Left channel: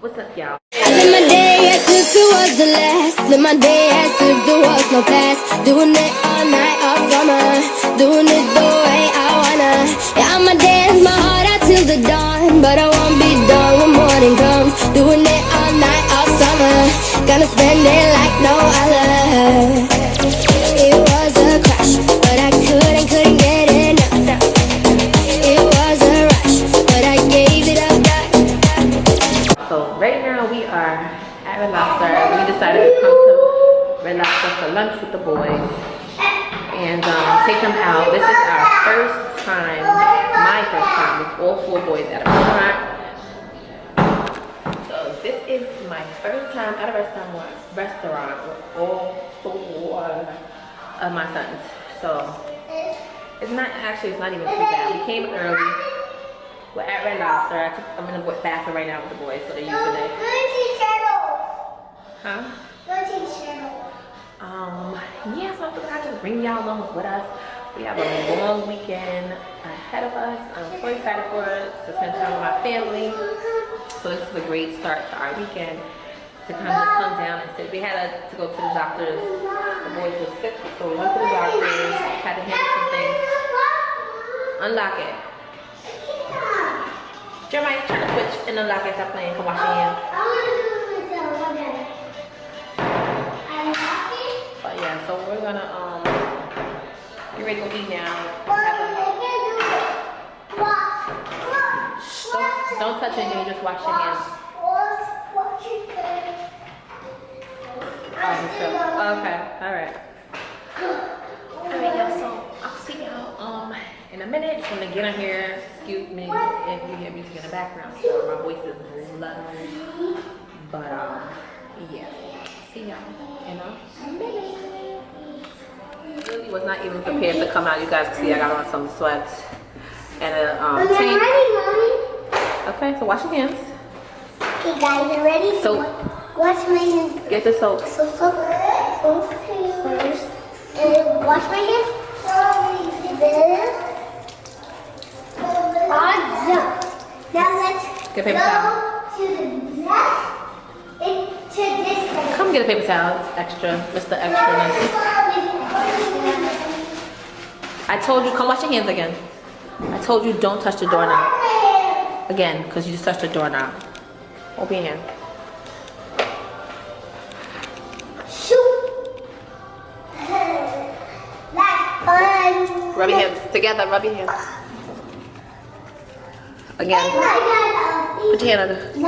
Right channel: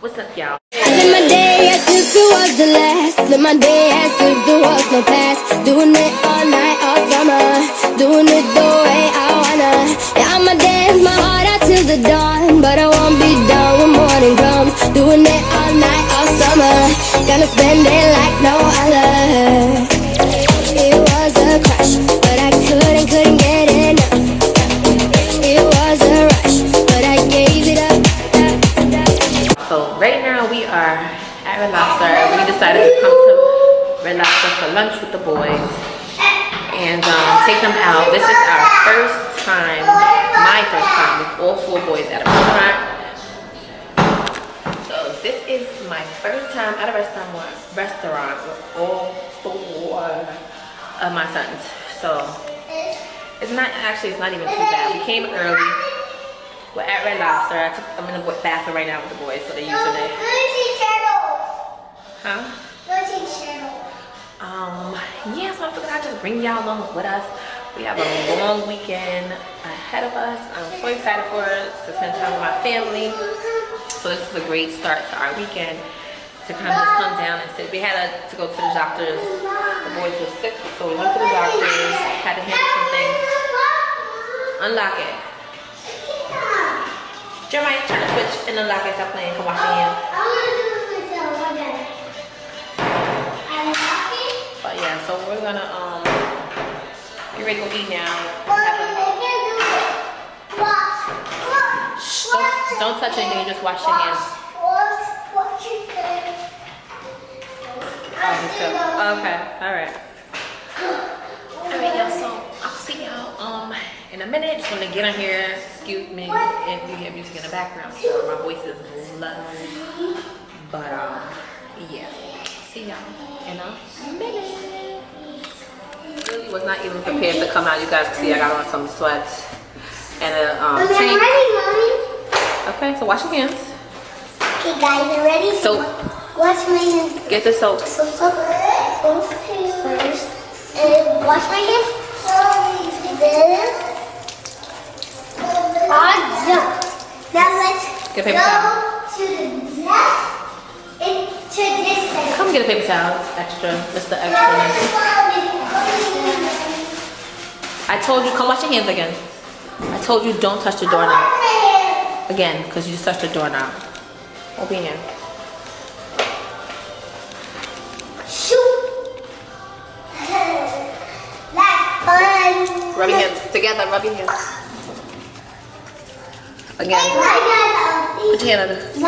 What's up, y'all? I live my day as if it was the last. Live my day as if there was no past. Doing it all night, all summer. Doing it the way I wanna. Yeah, I'ma dance my heart out till the dawn. But I won't be done when morning comes. Doing it all night, all summer. Gonna spend it like no other. It was a crush, but I couldn't get enough. It was a rush, but I gave it up. So right now we are at Red Lobster. We decided to come to Red Lobster for lunch with the boys and take them out. This is our first time, my first time with all 4 boys at a restaurant. So this is my first time at a restaurant with all 4 of my sons. So it's not even too bad. We came early. We're at Red Lobster. I'm in the bathroom right now with the boys, so they're using it. Huh? Yeah, so I figured I'd just bring y'all along with us. We have a long weekend ahead of us. I'm so excited for it, to spend time with my family. So this is a great start to our weekend, to kind of just come down and sit. We had to go to the doctors. The boys were sick, so we went to the doctors, had to handle some things. Unlock it. Jeremiah, turn the switch and unlock it. Stop playing. Come wash your hands. But yeah, so we're gonna get ready to go eat now. Don't touch anything. Just wash your hands. Okay. All right. All right, y'all. So I'll see y'all in a minute. Just want to get on here. Excuse me if you hear music in the background. So my voice is low. But yeah. See y'all in a minute. Really was not even prepared to come out. You guys can see I got on some sweats and a tank. Okay, so wash your hands. Okay, guys, you ready? Soap. Wash my hands. Get the soap. Soap first. And wash my hands. Now let's get a paper towel. To the left and to this side. Come get a paper towel. It's extra. Mr. Extra. I told you, come wash your hands again. I told you don't touch the doorknob. Again, because you just touched the doorknob. Open your hand. Shoot. That's fun. Rub your hands together. Rub your hands. Again. Put your hand on it. Wait.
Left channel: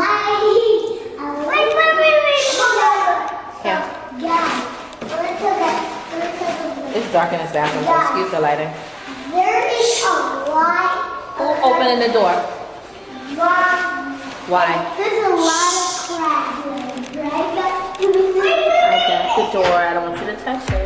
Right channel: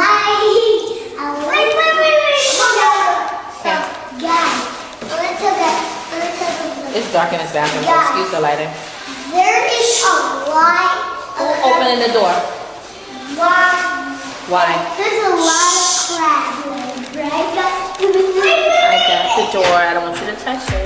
Yeah. It's dark in this bathroom, so excuse the lighting. There is a light. Who's opening the door? Why? There's a lot of crabs, right? I got the door. I don't want you to touch it.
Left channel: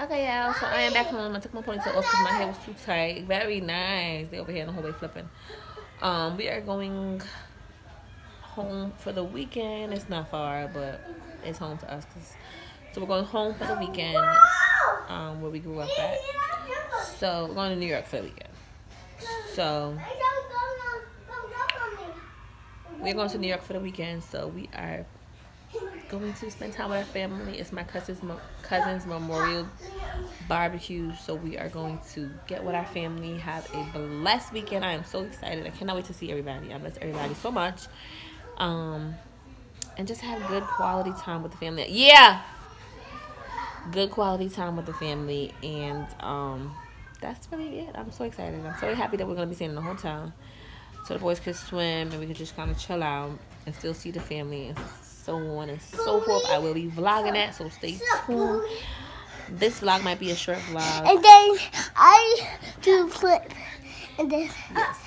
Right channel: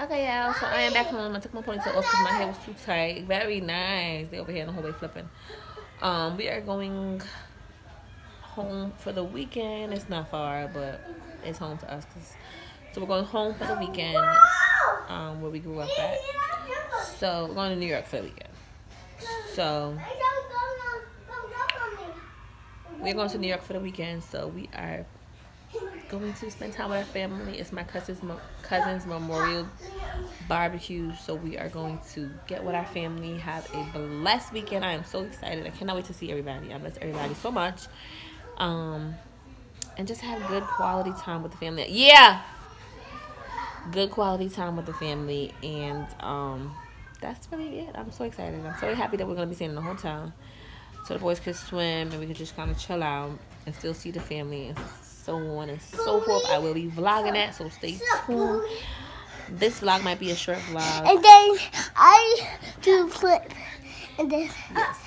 Okay, y'all, so I am back home. I took my ponytail off because my hair was too tight. Very nice. They over here in the hallway flipping. We are going home for the weekend. It's not far, but it's home to us. So we're going home for the weekend, where we grew up at. So we're going to New York for the weekend. So we're going to New York for the weekend. So we are going to spend time with our family. It's my cousin's memorial barbecue, so we are going to get with our family, have a blessed weekend. I am so excited. I cannot wait to see everybody. I miss everybody so much, and just have good quality time with the family. Good quality time with the family, and that's really it. I'm so excited. I'm so happy that we're gonna be staying in the hotel, so the boys could swim and we could just kind of chill out and still see the family and so on and so forth. I will be vlogging that, so stay tuned. This vlog might be a short vlog. And then I do flip. And then yes,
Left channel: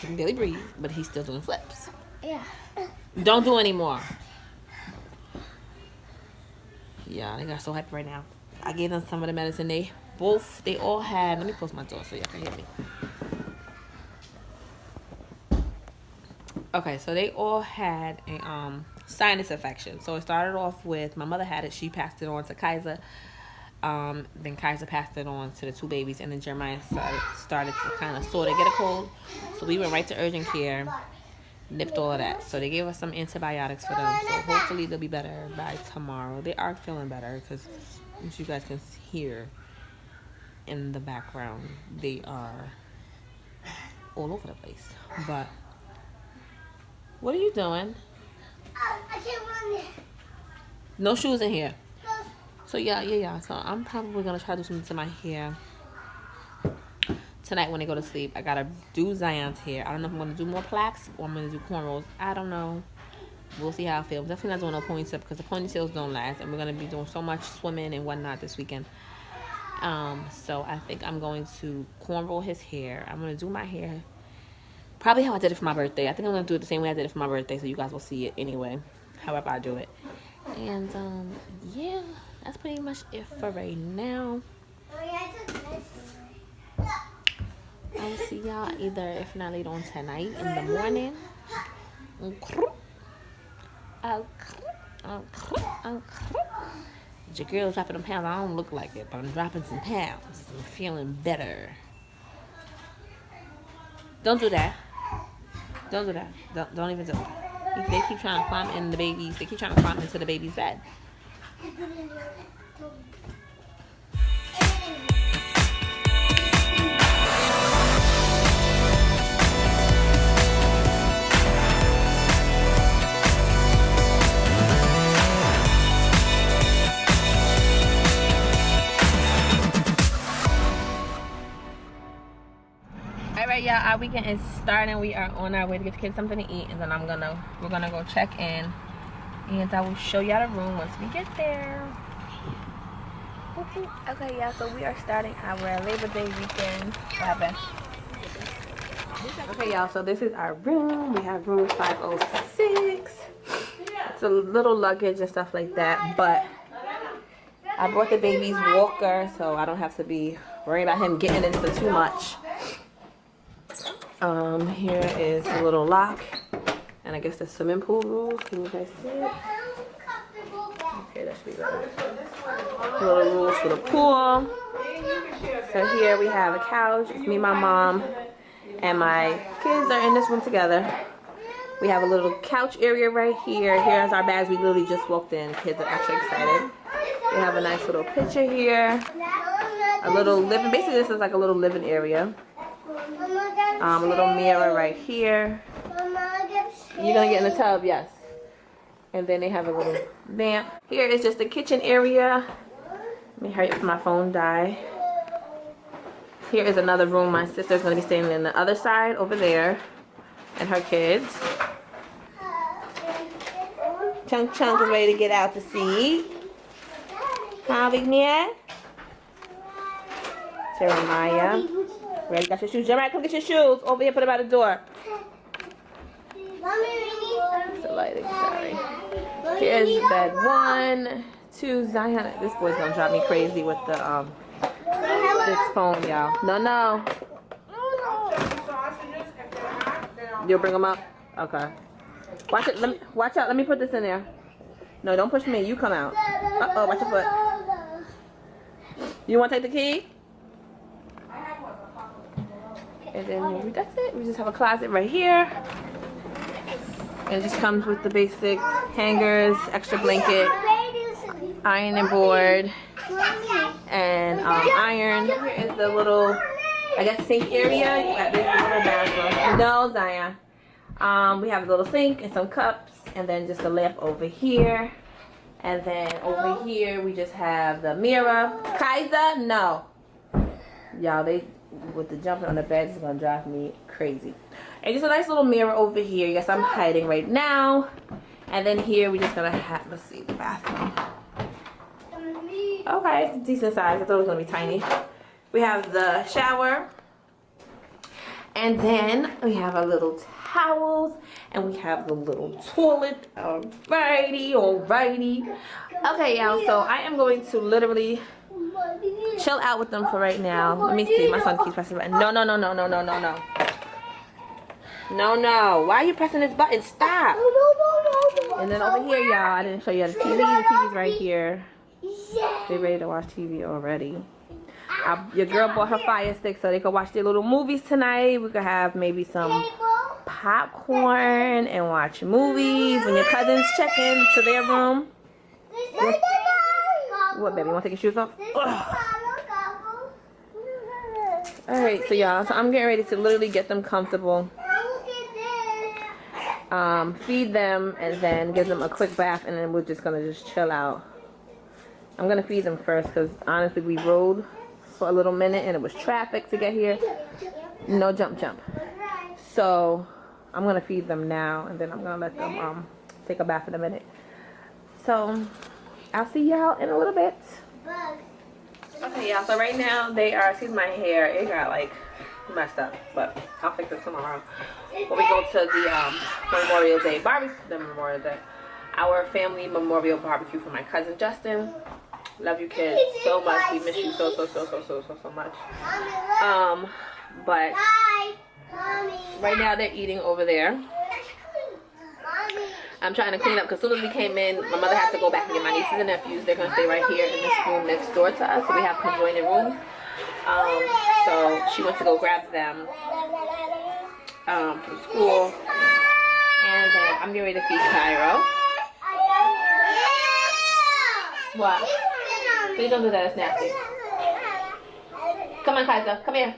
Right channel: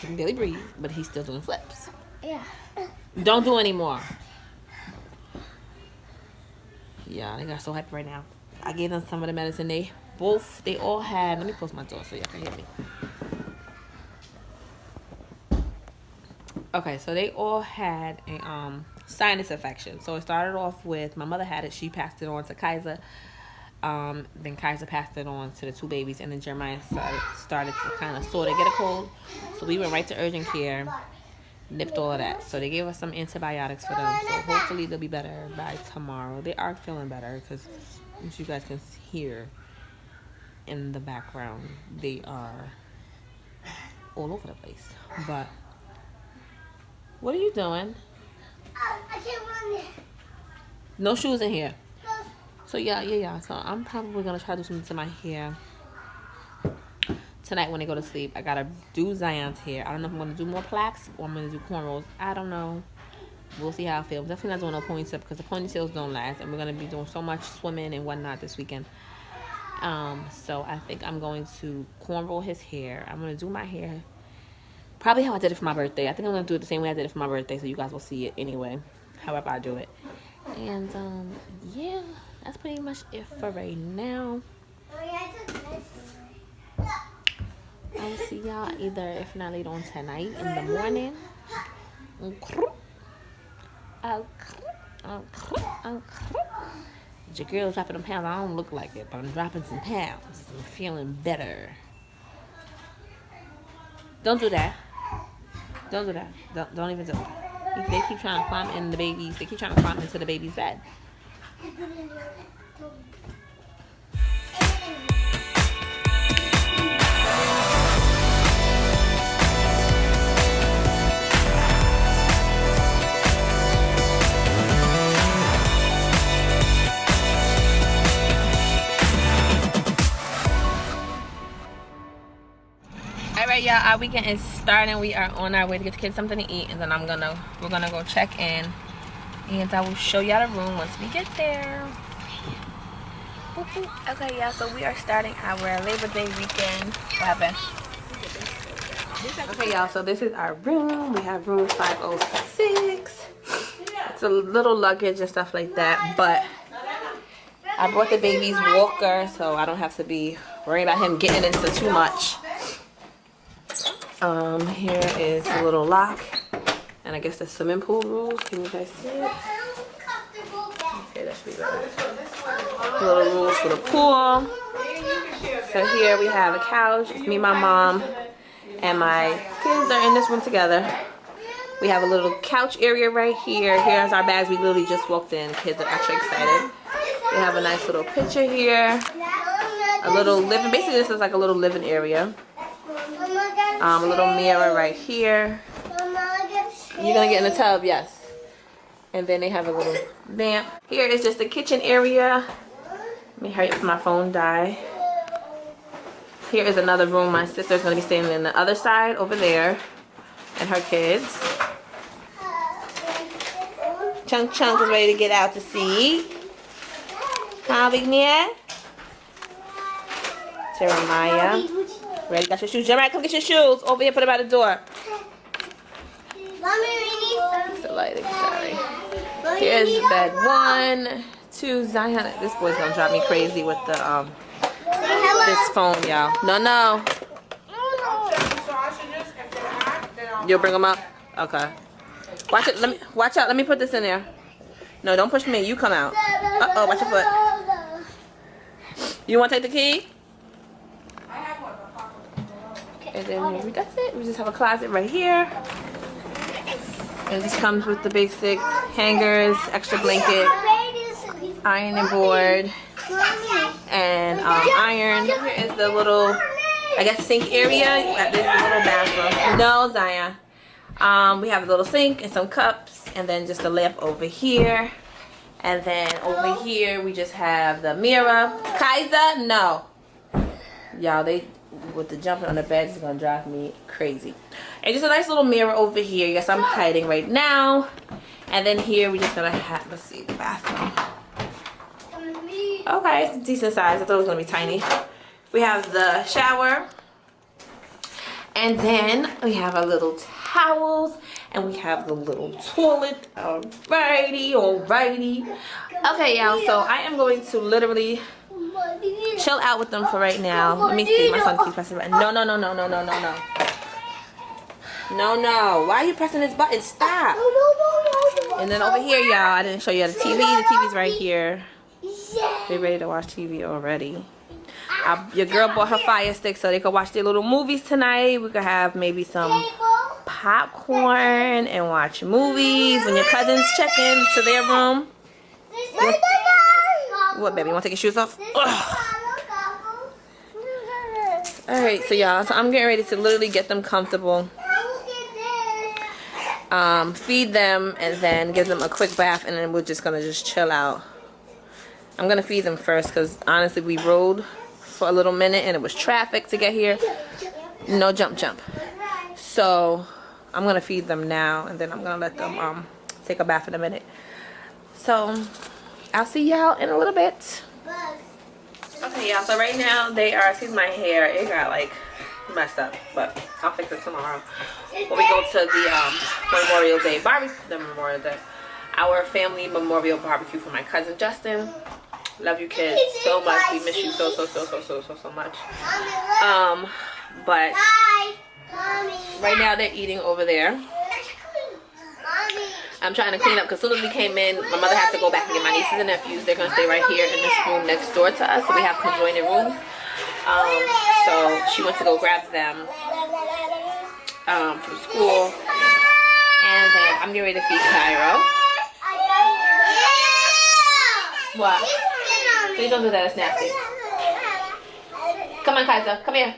he can barely breathe, but he's still doing flips. Yeah. Don't do any more. Yeah, they got so happy right now. I gave them some of the medicine. They all had. Let me close my door so y'all can hear me. Okay, so they all had a sinus infection. So it started off with my mother had it. She passed it on to Kaiser. Then Kaiser passed it on to the two babies, and then Jeremiah started to kind of sort of get a cold. So we went right to urgent care, nipped all of that. So they gave us some antibiotics for them. So hopefully they'll be better by tomorrow. They are feeling better because, as you guys can hear in the background, they are all over the place. But what are you doing? I can't run it. No shoes in here. So yeah. So I'm probably gonna try to do something to my hair tonight when they go to sleep. I gotta do Zion's hair. I don't know if I'm gonna do more plaques or I'm gonna do cornrows. I don't know. We'll see how I feel. I'm definitely not doing no ponytail because the ponytails don't last, and we're gonna be doing so much swimming and whatnot this weekend. So I think I'm going to cornrow his hair. I'm gonna do my hair probably how I did it for my birthday. I think I'm gonna do it the same way I did it for my birthday, so you guys will see it anyway, however I do it. And yeah, that's pretty much it for right now. I'll see y'all either, if not later on tonight, in the morning. Your girl's dropping them pounds. I don't look like it, but I'm dropping some pounds. I'm feeling better. Don't do that. Don't do that. Don't even do it. They keep trying to climb in the babies. They keep trying to climb into the baby's bed. Alright, y'all, our weekend is starting. We are on our way to get the kids something to eat, and then we're gonna go check in, and I will show y'all the room once we get there. Okay, y'all, so we are starting our Labor Day weekend. What happened? Okay, y'all, so this is our room. We have room 506. It's a little luggage and stuff like that, but I brought the baby's walker, so I don't have to be worrying about him getting into too much. Here is a little lock, and I guess the swimming pool rules. Can you guys see it? Okay, that should be better. Little rules for the pool. So here we have a couch. It's me, my mom, and my kids are in this room together. We have a little couch area right here. Here's our bags. We literally just walked in. Kids are actually excited. We have a nice little picture here. A little living. Basically, this is like a little living area. A little mirror right here. You're gonna get in the tub, yes. And then they have a little lamp. Here is just the kitchen area. Let me hurry up before my phone die. Here is another room. My sister's gonna be staying in the other side over there, and her kids. Chunk Chunk is ready to get out to sea. Huh, Big Nia? Jeremiah. Ready? Got your shoes. Jeremiah, come get your shoes. Over here, put them by the door. It's the lighting, sorry. Here's bed 1, 2. Zion, this boy's gonna drive me crazy with the this phone, y'all. No. You'll bring them up? Okay. Watch it. Watch out. Let me put this in there. No, don't push me. You come out. Uh-oh, watch your foot. You want to take the key? And then that's it. We just have a closet right here. It just comes with the basic hangers, extra blanket, ironing board, and iron. Here is the little, I guess, sink area. This is a little bathroom. No, Zion. We have a little sink and some cups, and then just a lamp over here. And then over here we just have the mirror. Kaiser, no. Y'all, they with the jumping on the bed is gonna drive me crazy. And just a nice little mirror over here. Yes, I'm hiding right now. And then here we're just gonna have, let's see, the bathroom. Okay, it's a decent size. I thought it was gonna be tiny. We have the shower. And then we have our little towels. And we have the little toilet. Alrighty. Okay, y'all, so I am going to literally chill out with them for right now. Let me see. My son keeps pressing the button. No. No. Why are you pressing this button? Stop. And then over here, y'all, I didn't show you the TV. The TV's right here. They're ready to watch TV already. Your girl bought her Fire Stick so they could watch their little movies tonight. We could have maybe some popcorn and watch movies when your cousins check in to their room. What, baby? You want to take your shoes off? Alright, so y'all, so I'm getting ready to literally get them comfortable. Feed them and then give them a quick bath, and then we're just gonna just chill out. I'm gonna feed them first because honestly we rode for a little minute and it was traffic to get here. No jump. So I'm gonna feed them now and then I'm gonna let them take a bath in a minute. So I'll see y'all in a little bit. Okay, y'all, so right now they are, excuse my hair, it got like messed up, but I'll fix it tomorrow when we go to the Memorial Day barbecue. Our family memorial barbecue for my cousin Justin. Love you kids so much. We miss you so much. But right now they're eating over there. I'm trying to clean up because as soon as we came in, my mother had to go back and get my nieces and nephews. They're gonna stay right here in this room next door to us, so we have conjoining rooms. So she went to go grab them from school, and then I'm getting ready to feed Cairo. What? Please don't do that. It's nasty. Come on, Kaiser. Come here.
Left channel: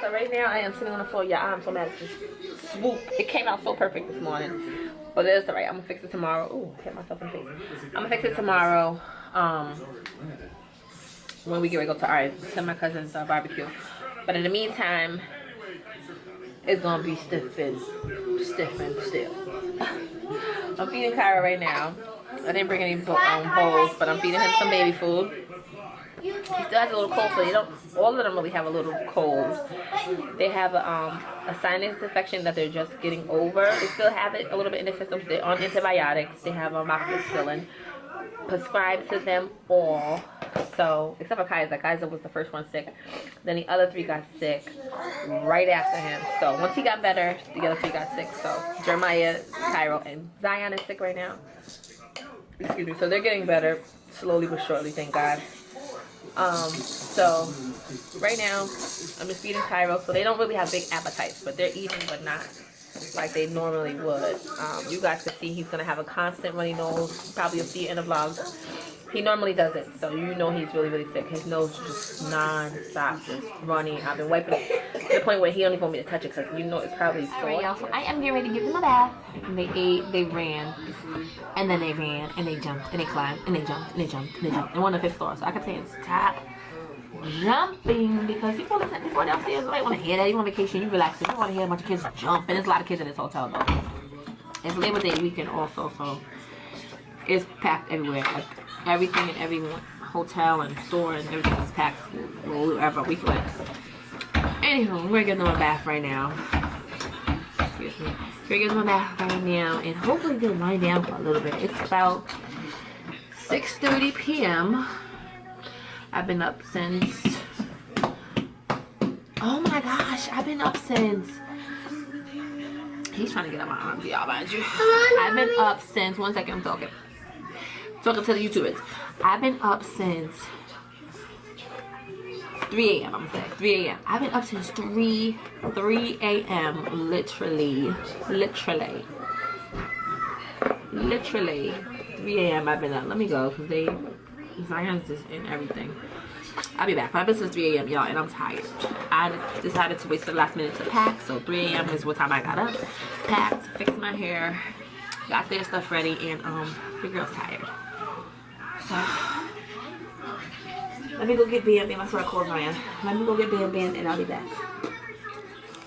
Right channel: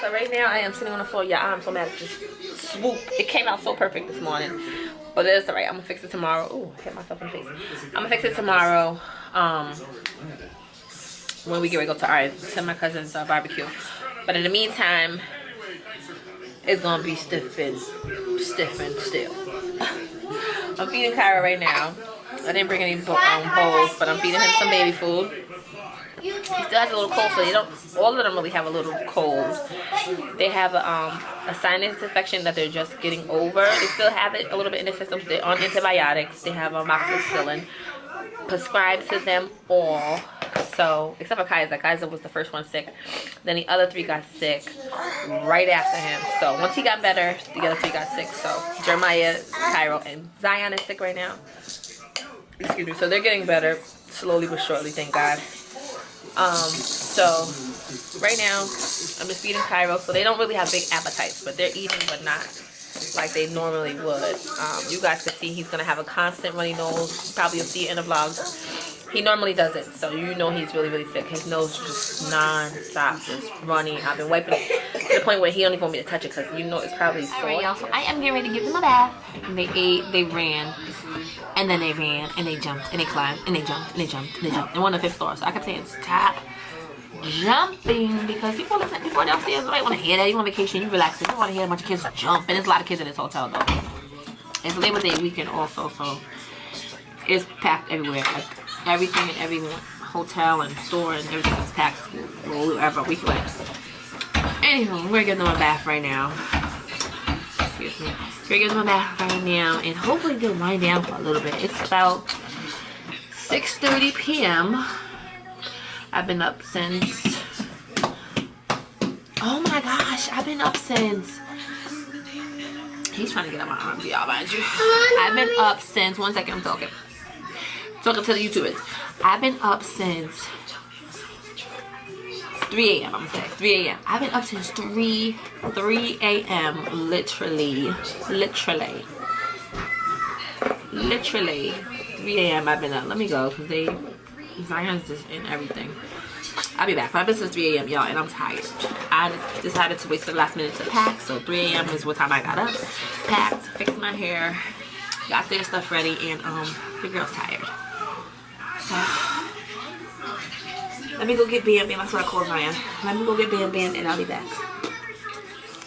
So right now I am sitting on the floor. Yeah, I'm so mad at this swoop. It came out so perfect this morning, but it's alright. I'm gonna fix it tomorrow. Ooh, I hit myself in the face. I'm gonna fix it tomorrow. When we get ready to go to my cousin's barbecue. But in the meantime, it's gonna be stiff and still. I'm feeding Kyra right now. I didn't bring any bowls, but I'm feeding him some baby food. He still has a little cold, so they don't. All of them really have a little cold. They have a sinus infection that they're just getting over. They still have it a little bit in their system. They're on antibiotics. They have amoxicillin prescribed to them all. So except for Kaiser. Kaiser was the first one sick. Then the other three got sick right after him. So once he got better, the other three got sick. So Jeremiah, Cairo, and Zion is sick right now. Excuse me. So they're getting better slowly but surely. Thank God. So right now I'm just feeding Cairo, so they don't really have big appetites, but they're eating, but not like they normally would. You guys can see he's gonna have a constant runny nose. Probably you'll see it in the vlogs. He normally does it, so you know he's really sick. His nose is just non-stop, just running. I've been wiping it to the point where he don't even want me to touch it because you know it's probably sore. Alright, y'all, so I am getting ready to give them a bath. And they ate, they ran, and then they ran, and they jumped, and they climbed, and they jumped, and they jumped, and they jumped. And we're on the 5th floor, so I kept saying, stop jumping, because people downstairs don't want to hear that. You on vacation, you relax. You don't want to hear a bunch of kids jump, and there's a lot of kids in this hotel, though. It's Labor Day weekend also, so it's packed everywhere. Like, everything in every hotel and store and everything is packed wherever we went. Anywho, we're giving them a bath right now. Excuse me. We're giving them a bath right now, and hopefully they'll wind down for a little bit. It's about 6:30 p.m. I've been up since, oh my gosh, I've been up since, he's trying to get on my arms, y'all, mind you. I've been up since, one second, I'm talking to the YouTubers. I've been up since 3 a.m. I'm gonna say 3 a.m. I've been up since 3 a.m. literally 3 a.m. I've been up. Let me go because Zion's just in everything. I'll be back. I've been since 3 a.m. y'all, and I'm tired. I decided to wait till the last minute to pack, so 3 a.m. is what time I got up, packed, fixed my hair, got their stuff ready, and the girl's tired. So, let me go get Bam Bam. That's what I call Zion. Let me go get Bam Bam and I'll be back.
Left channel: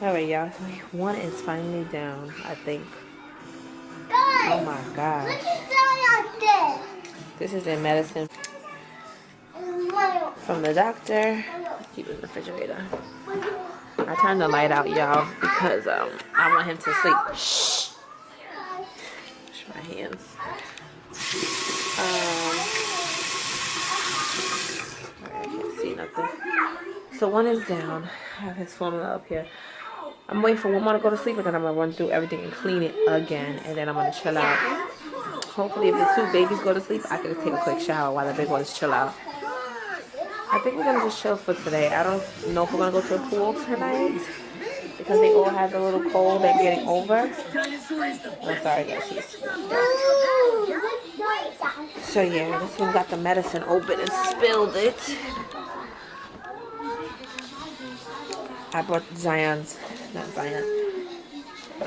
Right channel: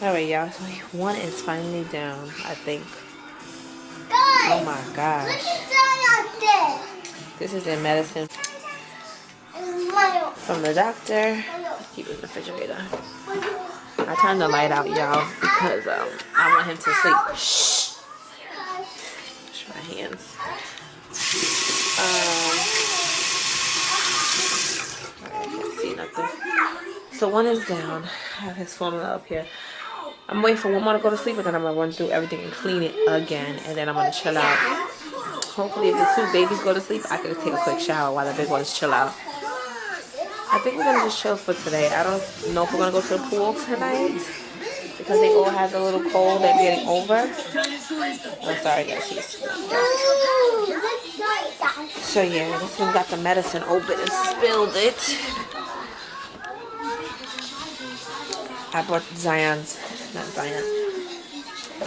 Alright, y'all. So one is finally down, I think. Oh my gosh. This is their medicine from the doctor. Keep it in the refrigerator. I turned the light out, y'all, because I want him to sleep. Shh. Wash my hands. I can't see nothing. So one is down. I have his formula up here. I'm waiting for one more to go to sleep, and then I'm gonna run through everything and clean it again, and then I'm gonna chill out. Hopefully, if the two babies go to sleep, I can take a quick shower while the big ones chill out. I think we're gonna just chill for today. I don't know if we're gonna go to the pool tonight because they all have a little cold they're getting over. Oh, sorry guys. So yeah, this one got the medicine open and spilled it. I brought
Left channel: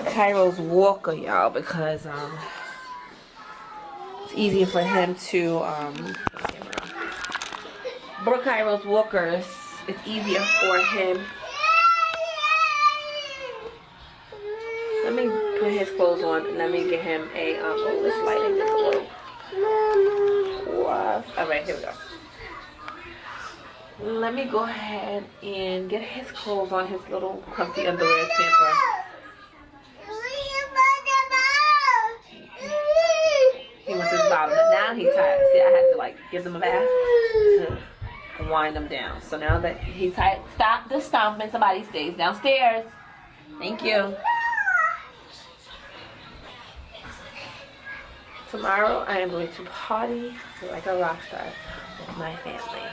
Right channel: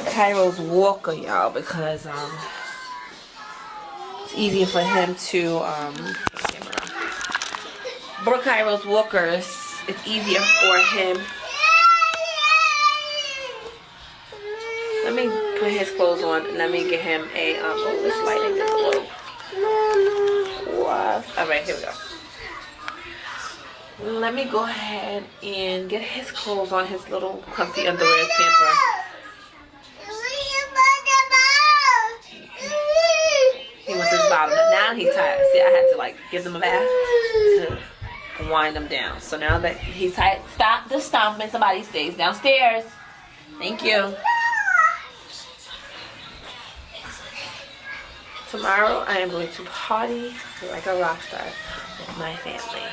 Cairo's walker, y'all, because it's easier for him to brought Cairo's walkers. It's easier for him. Let me put his clothes on and let me get him a oh, this lighting just a little. Wow. Alright, here we go. Let me go ahead and get his clothes on, his little comfy underwear, his pamper. He wants his bottom. Now he's tired. See, I had to like give them a bath to wind him down. So now that he's tired, stop the stomping. Somebody stays downstairs. Thank you. Tomorrow I am going to party like a rock star with my family.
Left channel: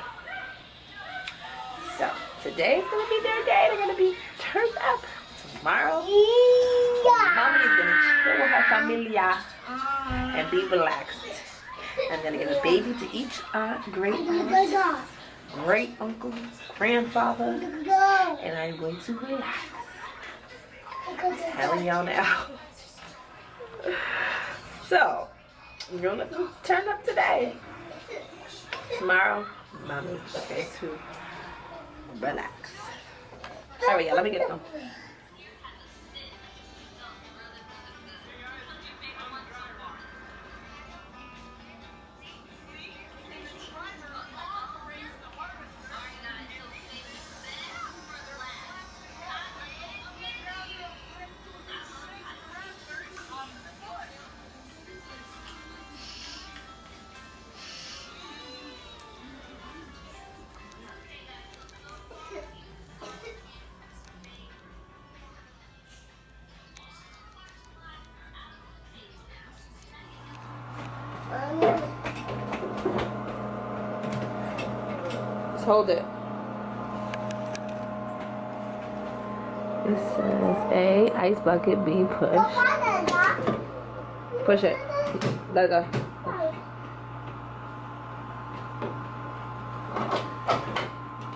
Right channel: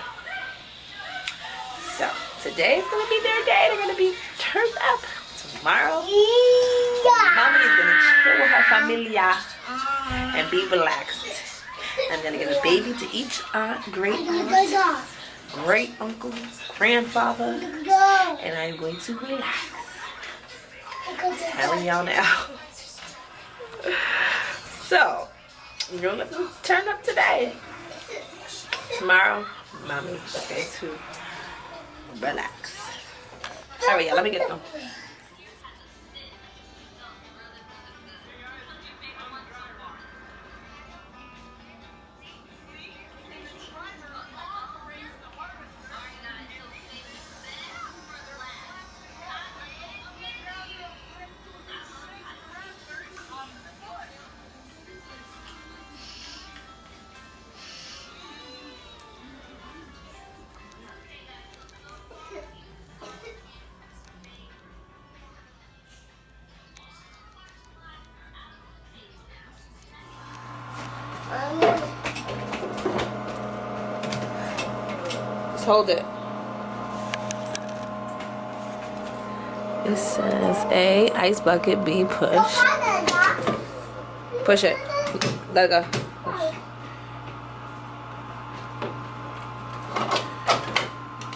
So today is going to be their day. They're going to be turned up. Tomorrow, Mommy is going to chill with her familia and be relaxed. I'm going to give a baby to each aunt, great uncle, grandfather, and I'm going to relax. I'm telling y'all now. So, you're going to turn up today. Tomorrow, Mommy is going to relax. Alright, y'all, let me get them. Just hold it. It says A, ice bucket, B, push. Push it. Let it go.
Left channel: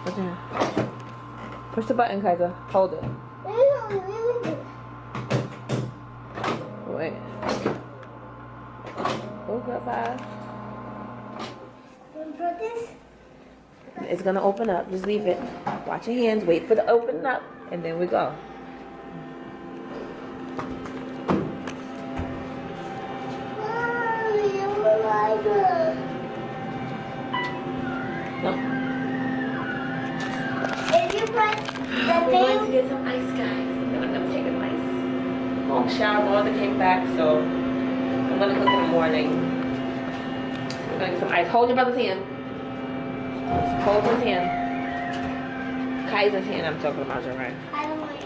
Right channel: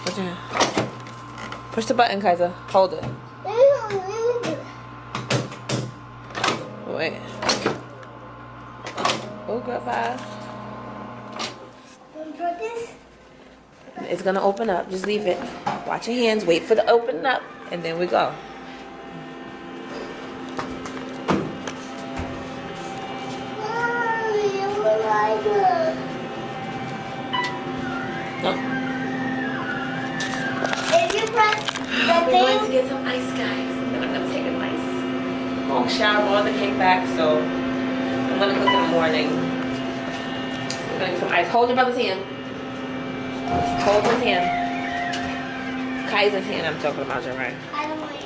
Push it. Push the button, Kaiser. Hold it. Wait. Oh, goodbye. It's gonna open up. Just leave it. Watch your hands. Wait for the open up, and then we go. No. If you press the We're going to get some ice, guys. And then I'm gonna take a nice long shower, roll the cake back. So I'm gonna cook in the morning. We're gonna get some ice. Hold your brother's hand. Hold his hand. Kaiser's hand I'm talking about, right? I don't want it.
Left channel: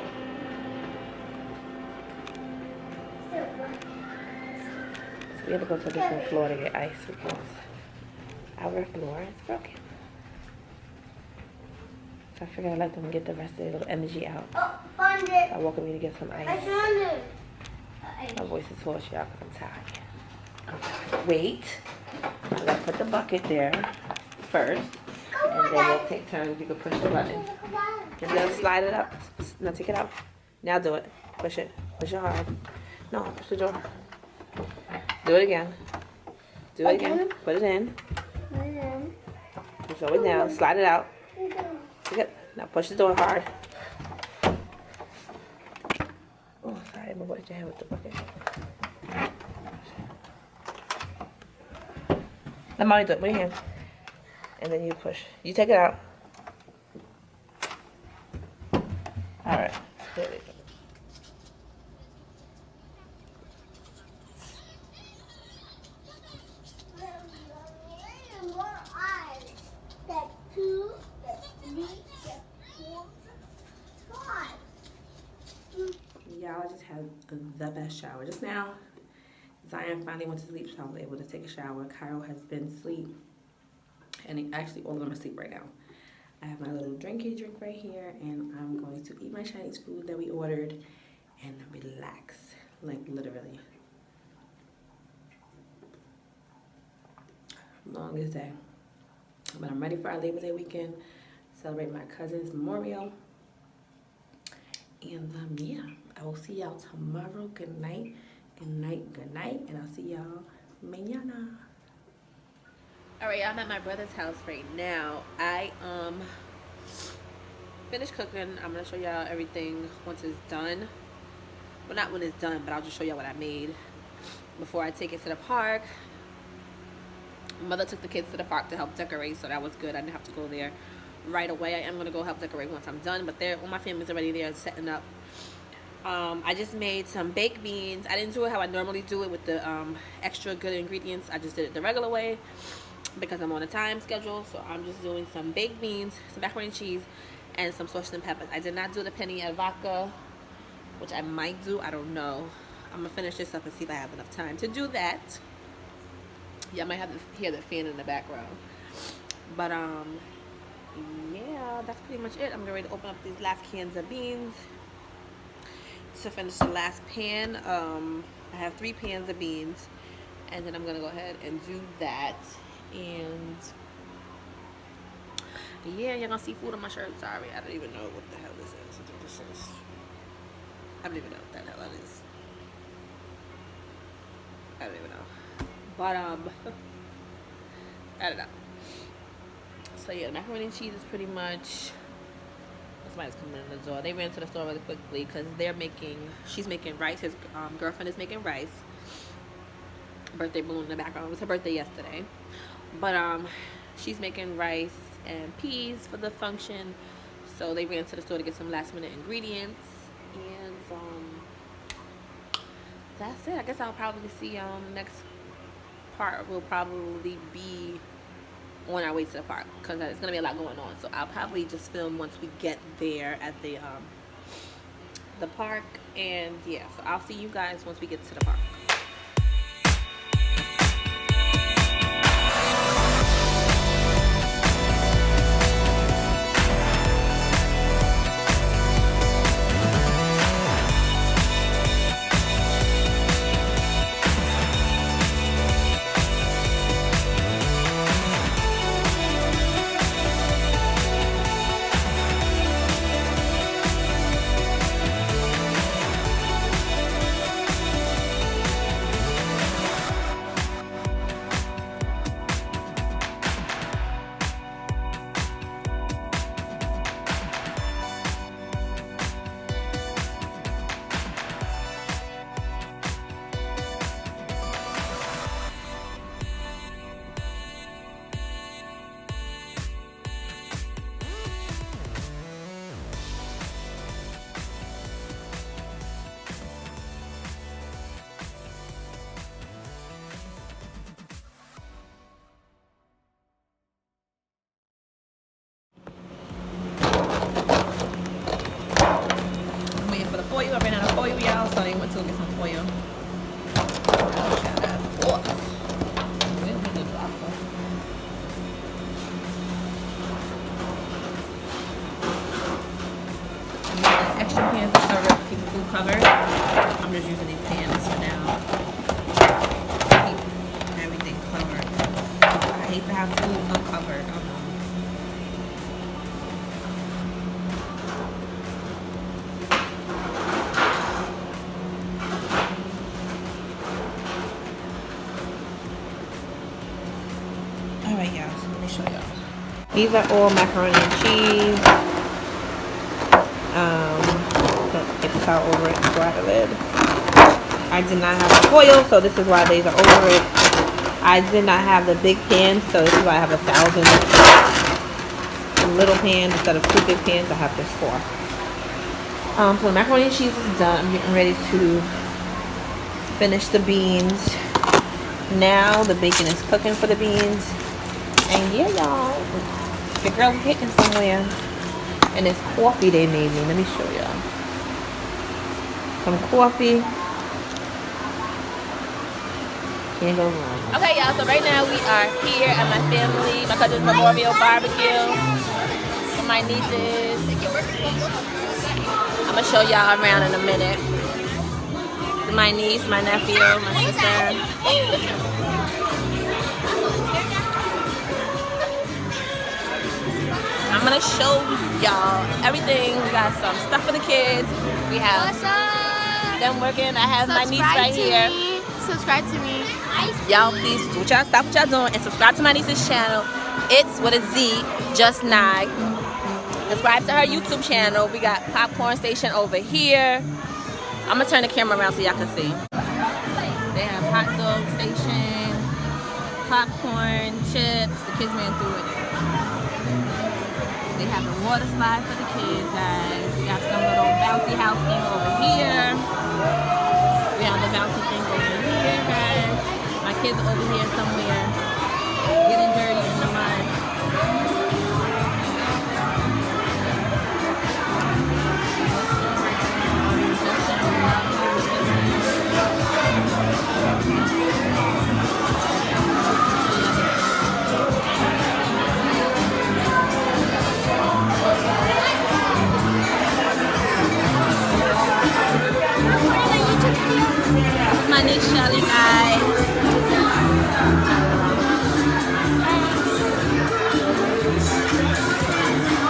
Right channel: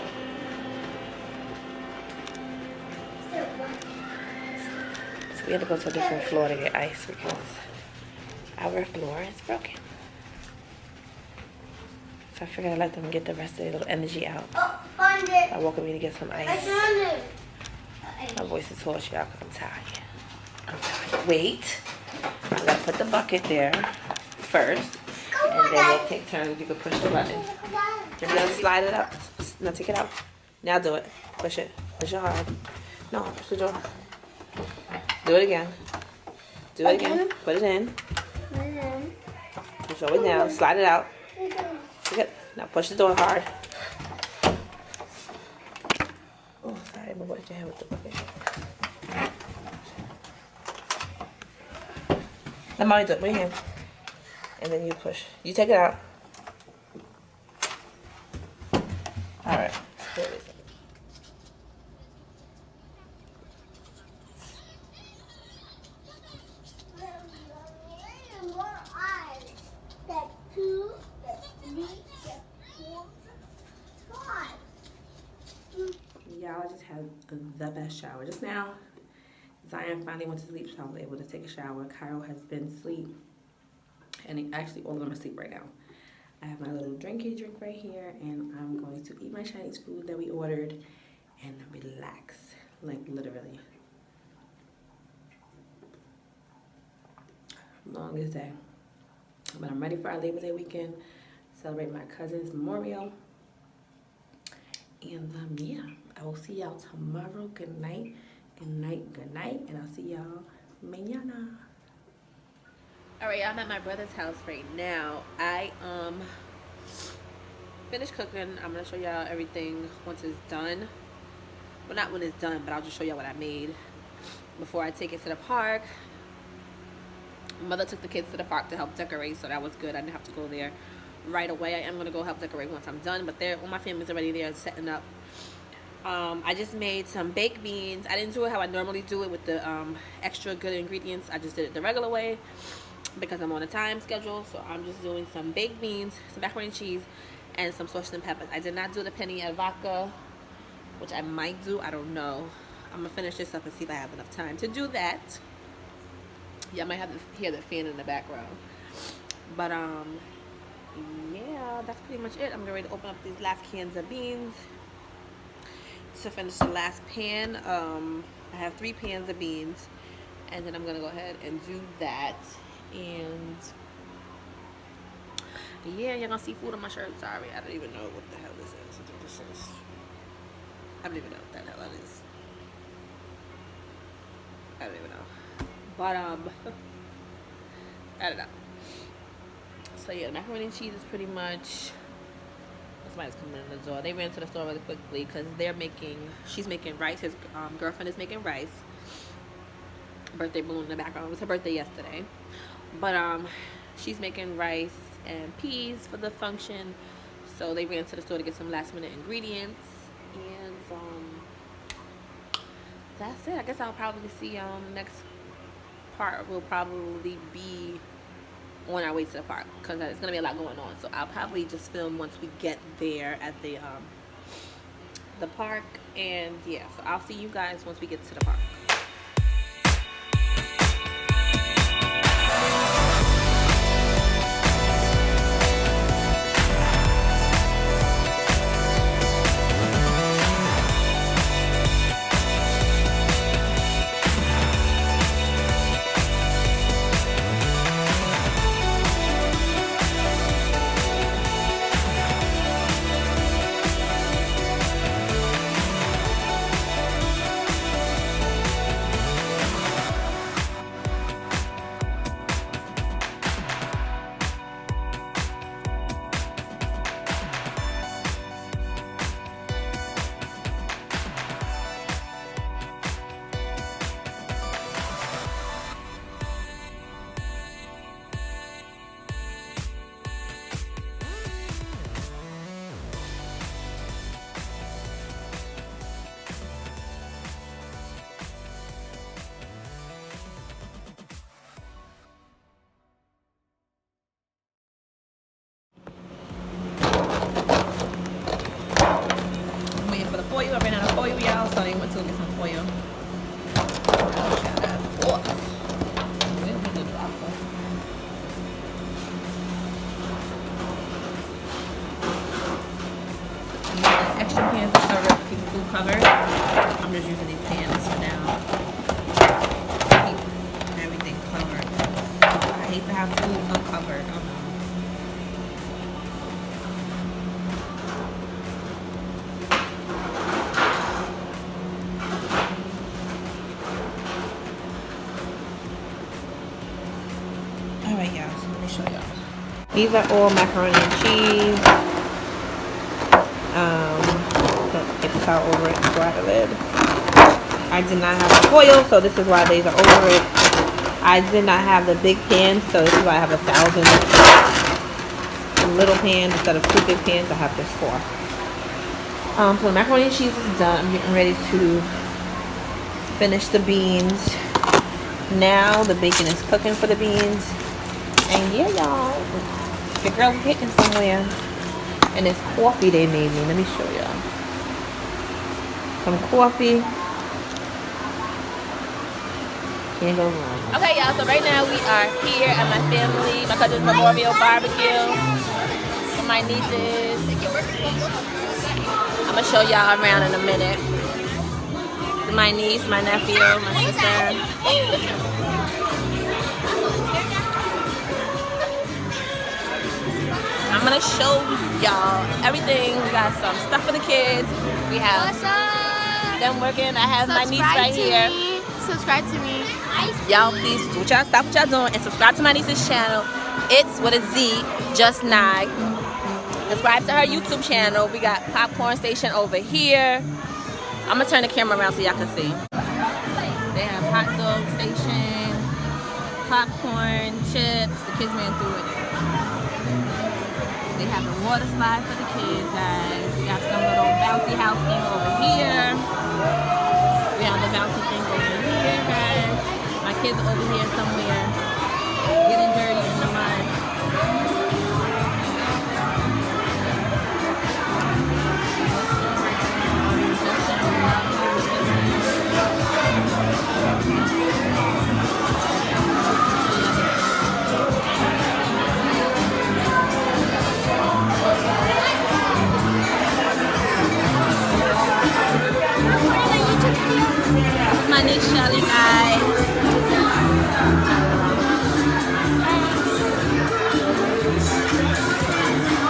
So we had to go to a different floor to get ice because our floor is broken. So I figured I'd let them get the rest of their little energy out. Oh, found it. I woke up to get some I ice. found it. My voice is hoarse, y'all, because I'm tired. Wait. I'm going to put the bucket there first. And then we'll take turns. You can push the button. You're going to slide it up. Now take it out. Now do it. Push it. Push it hard. No, push the door. Do it again. Do it again. Put it in. Show it now. Slide it out. Good. Now push the door hard. Oh, sorry. I'm going to your hand with the bucket. Let mommy do it. With your hand. And then you push. You take it out. Alright. There it is. Y'all, I just had the best shower just now. Zion finally went to sleep, so I was able to take a shower. Cairo has been asleep, and actually all of them are asleep right now. I have my little drinky drink right here, and I'm going to eat my Chinese food that we ordered and relax, like literally. Longest day. But I'm ready for our Labor Day weekend, celebrate my cousin's memorial. And yeah, I will see y'all tomorrow. Good night, good night, good night, and I'll see y'all mañana. Alright, y'all, I'm at my brother's house right now. I finished cooking. I'm gonna show y'all everything once it's done. Well, not when it's done, but I'll just show y'all what I made before I take it to the park. Mother took the kids to the park to help decorate, so that was good. I didn't have to go there right away. I am gonna go help decorate once I'm done, but all my family's already there setting up. I just made some baked beans. I didn't do it how I normally do it with the extra good ingredients. I just did it the regular way because I'm on a time schedule. So I'm just doing some baked beans, some macaroni and cheese, and some sausage and peppers. I did not do the penne al vodka, which I might do. I don't know. I'm gonna finish this up and see if I have enough time to do that. Yeah, I might have to hear the fan in the background. But yeah, that's pretty much it. I'm ready to open up these last cans of beans to finish the last pan. I have 3 pans of beans, and then I'm gonna go ahead and do that. And yeah, you're gonna see food on my shirt. Sorry, I don't even know what the hell this is. I don't even know what the hell that is. I don't even know. But I don't know. So yeah, the macaroni and cheese is pretty much. Somebody's coming in the door. They ran to the store really quickly because she's making rice. His girlfriend is making rice. Birthday balloon in the background. It was her birthday yesterday. But she's making rice and peas for the function. So they ran to the store to get some last minute ingredients. And that's it. I guess I'll probably see y'all next part will probably be on our way to the park because there's gonna be a lot going on. So I'll probably just film once we get there at the park. And yeah, so I'll see you guys once we get to the park. Foil. I ran out of foil, y'all, so I went to go get some foil. Extra pans to cover, keep the food covered. I'm just using these pans for now. Keep everything covered. I hate to have food uncovered. Alright, y'all. show y'all. These are all macaroni and cheese. Get the towel over it before I lid. I did not have a foil, so this is why these are over it. I did not have the big pan, so this is why I have 1,000 little pans instead of 2 big pans. I have just 4. So the macaroni and cheese is done. I'm getting ready to finish the beans. Now the bacon is cooking for the beans. And yeah, y'all, the girl was hitting somewhere. And it's coffee they made me. Let me show y'all. Some coffee. Can't go wrong. Okay, y'all, so right now we are here at my family, my cousin's memorial barbecue with my nieces. I'm gonna show y'all around in a minute. My niece, my nephew, my sister. I'm gonna show y'all everything. We got some stuff for the kids. We have them working. I have my niece right here. Subscribe to me. Y'all, please do y'all stop what y'all doing and subscribe to my niece's channel. It's with a Z, Just Nag. Subscribe to her YouTube channel. We got Popcorn Station over here. I'm gonna turn the camera around so y'all can see. They have hot dog station, popcorn, chips. The kids ran through it. They have the water slide for the kids, guys. We got some little bouncy house thing over here. We have the bouncy thing over here, guys. My kids are over here somewhere getting dirty in the mud. My niece Shelly, guys.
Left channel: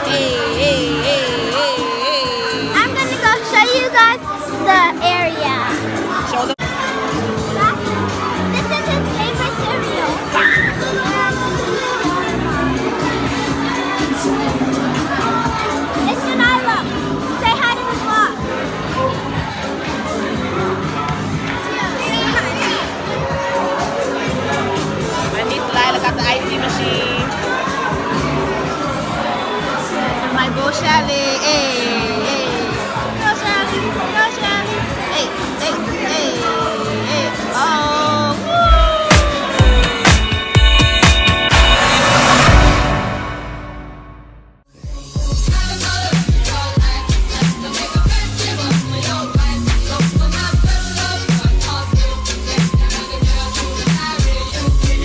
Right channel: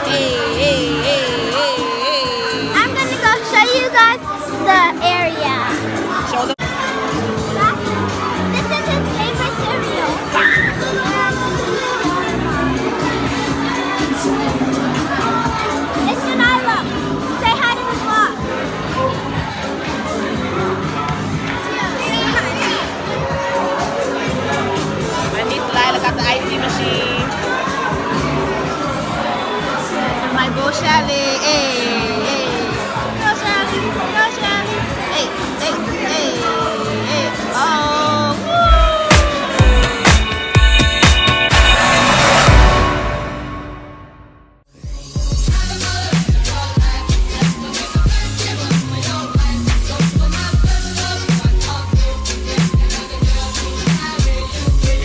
Hey. I'm gonna go show you guys the area. Show them. This is his favorite cereal. It's Janila. Say hi to the vlog. My niece Lila got the icy machine. And my boo Shelly. Hey.